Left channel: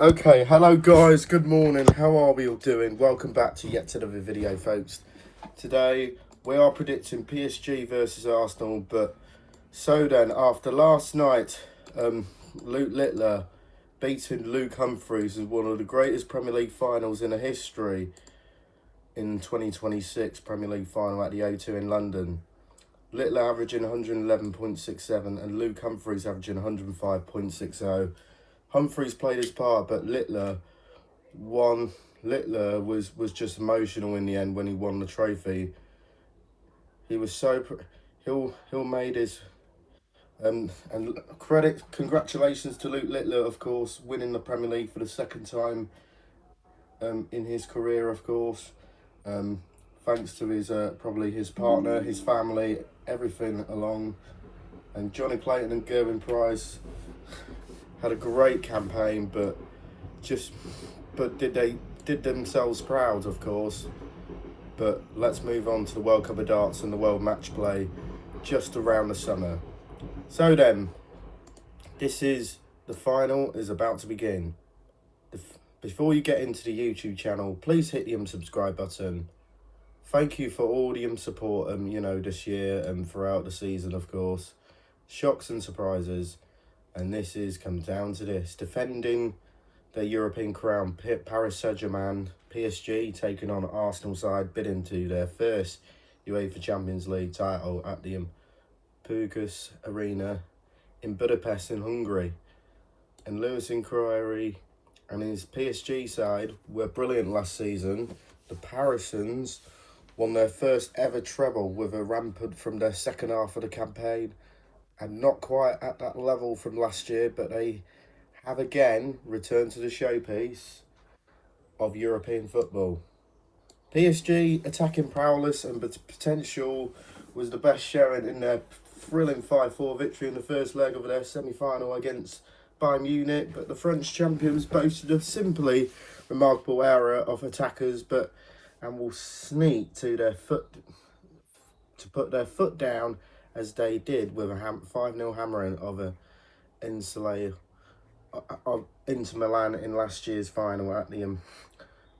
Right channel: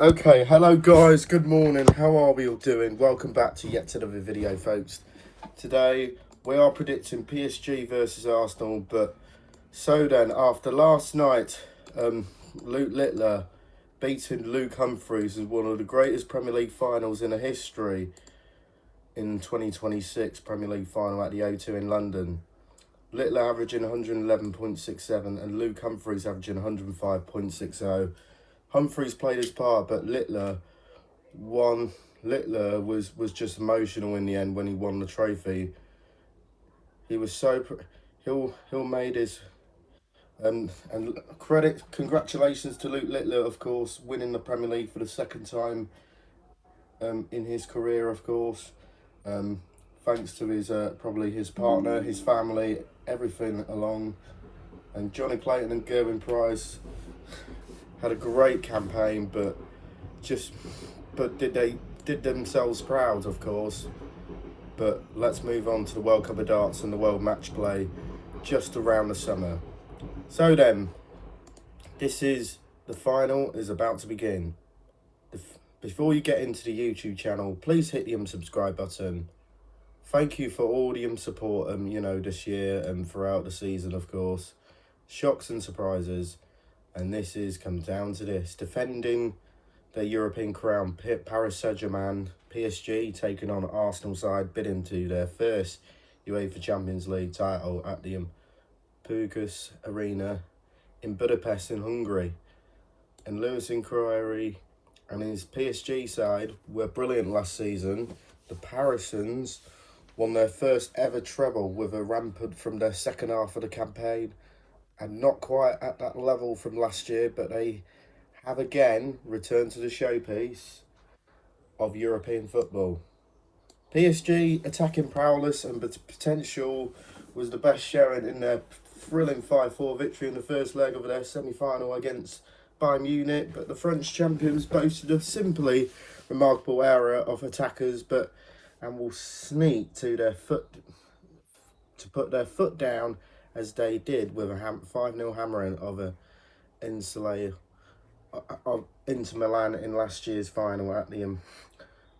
Okay, hello guys, good morning, how are we all doing? Welcome back to yet another video, folks. Today we are predicting PSG versus Arsenal, but so then, after last night, Luke Littler beating Luke Humphries as one of the greatest Premier League finals in the history in 2026 Premier League final at the O2 in London. Littler averaging 111.67 and Luke Humphries averaging 105.60. Humphries played his part, but Littler won. Littler was just emotional in the end when he won the trophy. He was so he'll made his and congratulations to Luke Littler, of course, winning the Premier League for the second time in his career, of course. Thanks to his probably his partner, his family, everything along, and Johnny Clayton and Gerwin Price had a great campaign, but they did themselves proud, of course. But let's move on to the World Cup of Darts and the World Match Play just around the summer. So then, the final is about to begin. Before you get into the YouTube channel, please hit the unsubscribe button. Thank you for all the support, this year and throughout the season, of course. Shocks and surprises. And comes down to this. Defending their European crown, Paris Saint-Germain, PSG, taking on Arsenal side, bidding to their first UEFA Champions League title at the PSG Arena in Budapest in Hungary. And Lewis Inquiry and his PSG side were brilliant last season. The Parisans won their first ever treble with a rampant from their second half of the campaign. And not quite at that level from last year, but they have again returned to the showpiece of European football. PSG attacking prowess and potential was the best showing in their thrilling 5-4 victory in the first leg of their semi-final against Bayern Munich, but the French champions boasted a simply remarkable era of attackers, and will sneak to put their foot down as they did with a 5-0 hammering of Inter Milan in last year's final at the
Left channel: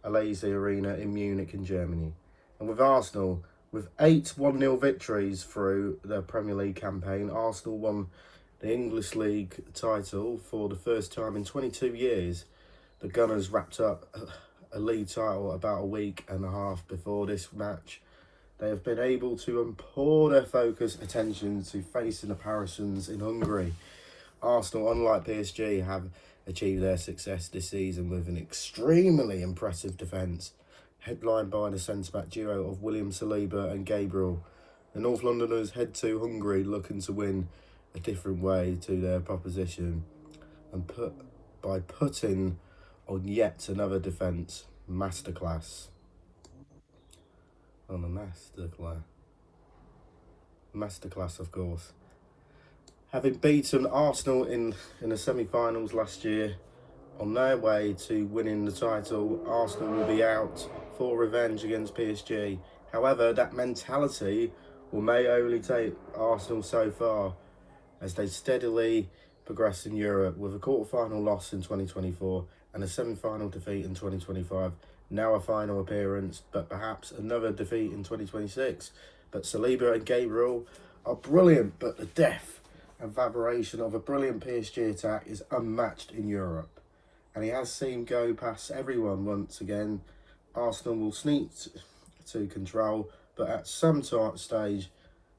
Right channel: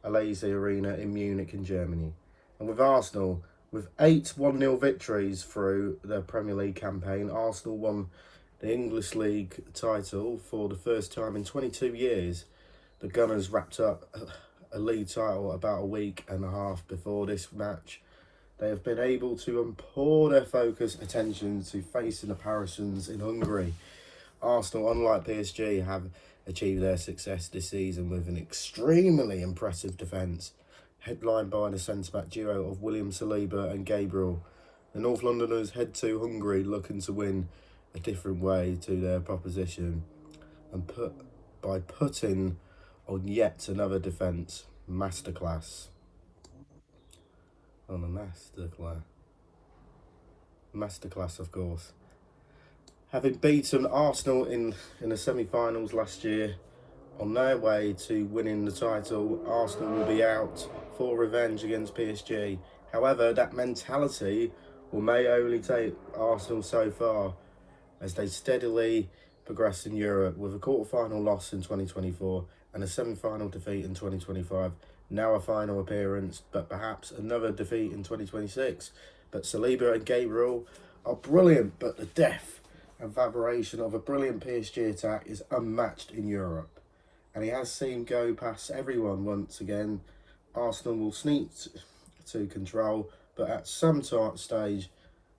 Allianz Arena in Munich in Germany. And with Arsenal, with 8 1-0 victories through their Premier League campaign, Arsenal won the English League title for the first time in 22 years. The Gunners wrapped up a league title about a week and a half before this match. They have been able to pour their focus attention to facing the Parisans in Hungary. Arsenal, unlike PSG, have achieved their success this season with an extremely impressive defence, headlined by the centre-back duo of William Saliba and Gabriel. The North Londoners head to Hungary looking to win a different way to their proposition and putting on yet another defence masterclass. On a masterclass, of course. Having beaten Arsenal in the semi-finals last year, on their way to winning the title, Arsenal will be out for revenge against PSG. However, that mentality may only take Arsenal so far as they steadily progress in Europe, with a quarter-final loss in 2024 and a semi-final defeat in 2025. Now a final appearance, but perhaps another defeat in 2026. But Saliba and Gabriel are brilliant, but the depth and vibration of a brilliant PSG attack is unmatched in Europe. And he has seen go past everyone once again. Arsenal will sneak to control, but at some stage,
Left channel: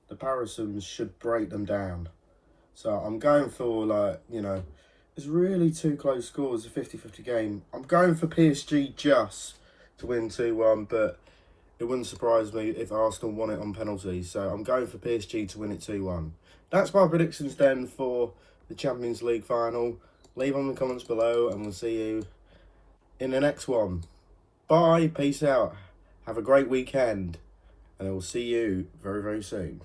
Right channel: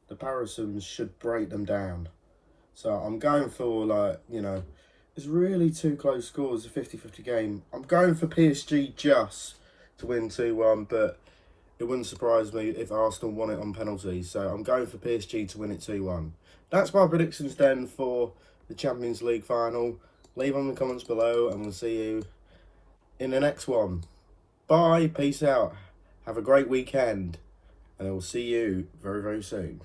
the Parisans should break them down. So I'm going for, it's really 2 close scores, a 50-50 game. I'm going for PSG just to win 2-1, but it wouldn't surprise me if Arsenal won it on penalties. So I'm going for PSG to win it 2-1. That's my predictions then for the Champions League final. Leave them in the comments below and we'll see you in the next one. Bye, peace out. Have a great weekend and I will see you very, very soon.